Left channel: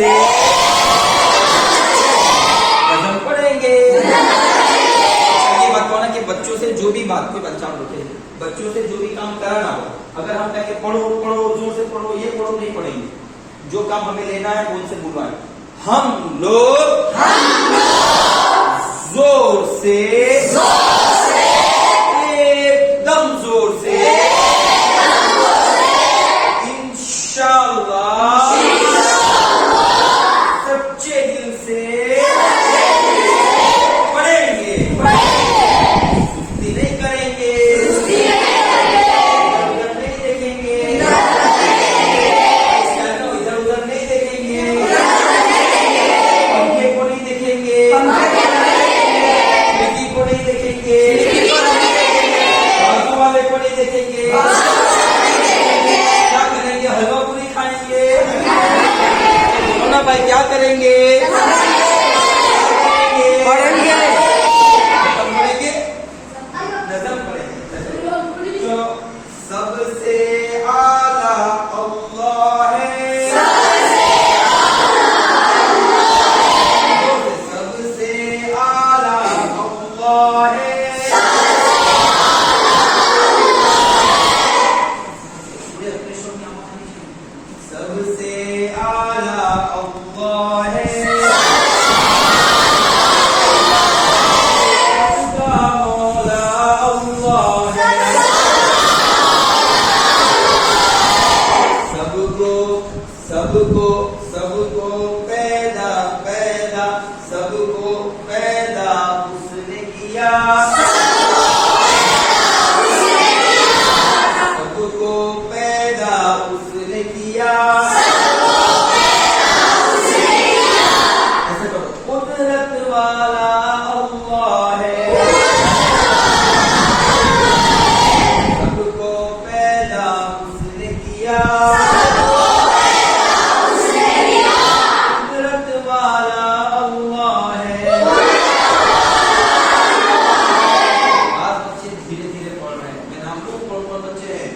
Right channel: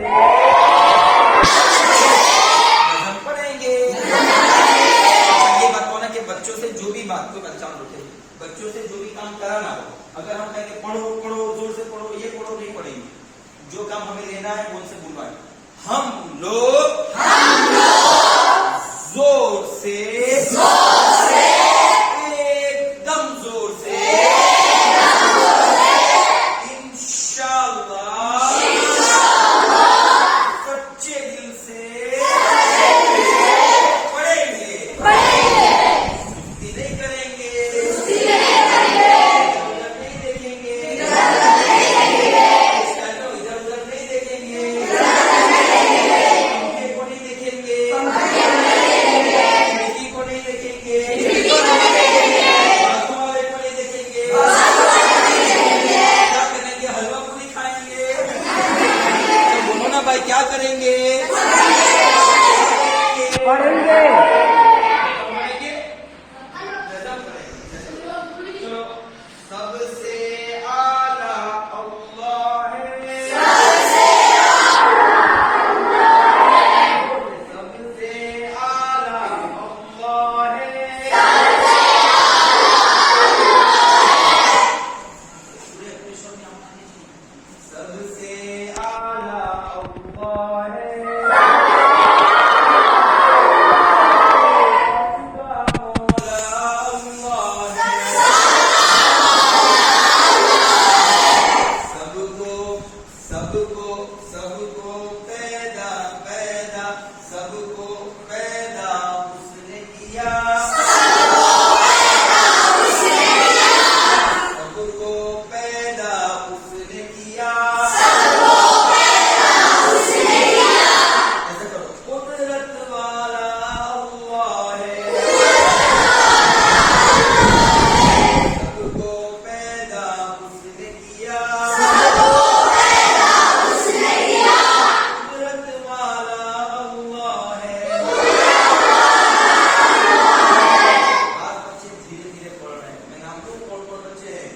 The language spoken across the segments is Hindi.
से नजम पढ़ेंगे। ये बताओ ना कि बच्चों से जो भी बात, कोई बच्चा होते हैं, बच्चों से जो भी काम कराना हो, अगर हम कहेंगे पढ़ो पढ़ो जोर से पढ़ो, ये पढ़ो, नहीं पढ़ेंगे। जो काम हमें लेना है वो उनसे बुलवाएं। हम लोग जोर से एकदम जोर से इंशाअल्लाह सच्चे दिल से पढ़ेंगे, सुस्ती नहीं करेंगे, इधर नहीं देखेंगे, इधर उधर नहीं देखेंगे, पंखे को नहीं देखेंगे, खिड़की को नहीं देखेंगे, बाजू वाले को नहीं देखेंगे। क्या करेंगे? हलवा पूरी खाएंगे। बोलो ना भाई, क्या करेंगे? पढ़ेंगे, पढ़ेंगे, नजम पढ़ेंगे। तो सबसे आला अल्लाह है, सबसे आला अल्लाह है, सबसे आला अल्लाह है, उसका मौला अल्लाह है। सबको सबको सबको पैदा पैदा सबको पैदा उसने किया, सबको पैदा उसने किया। ऐसे करो, कुदरत वाला अल्लाह है, सबको पैदा उसने किया, कुदरत वाला अल्लाह है। आज बच्चे धीरे धीरे पढ़ रहे हैं। मैं नाम लूं? कौन कौन बच्चे हैं?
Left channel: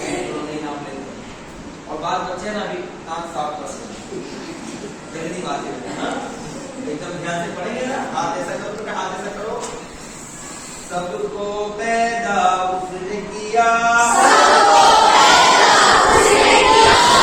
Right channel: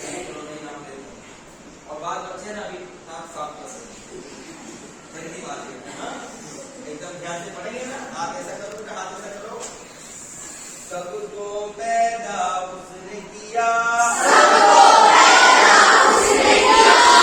नहीं नाम लेते। और बात बच्चे ना अभी नाक साफ कर रहे हैं, पहली बात है। हाँ, एकदम ध्यान से पढ़ेंगे ना। हाथ ऐसा करो, तो हाथ ऐसा करो। सबको पैदा उसने किया,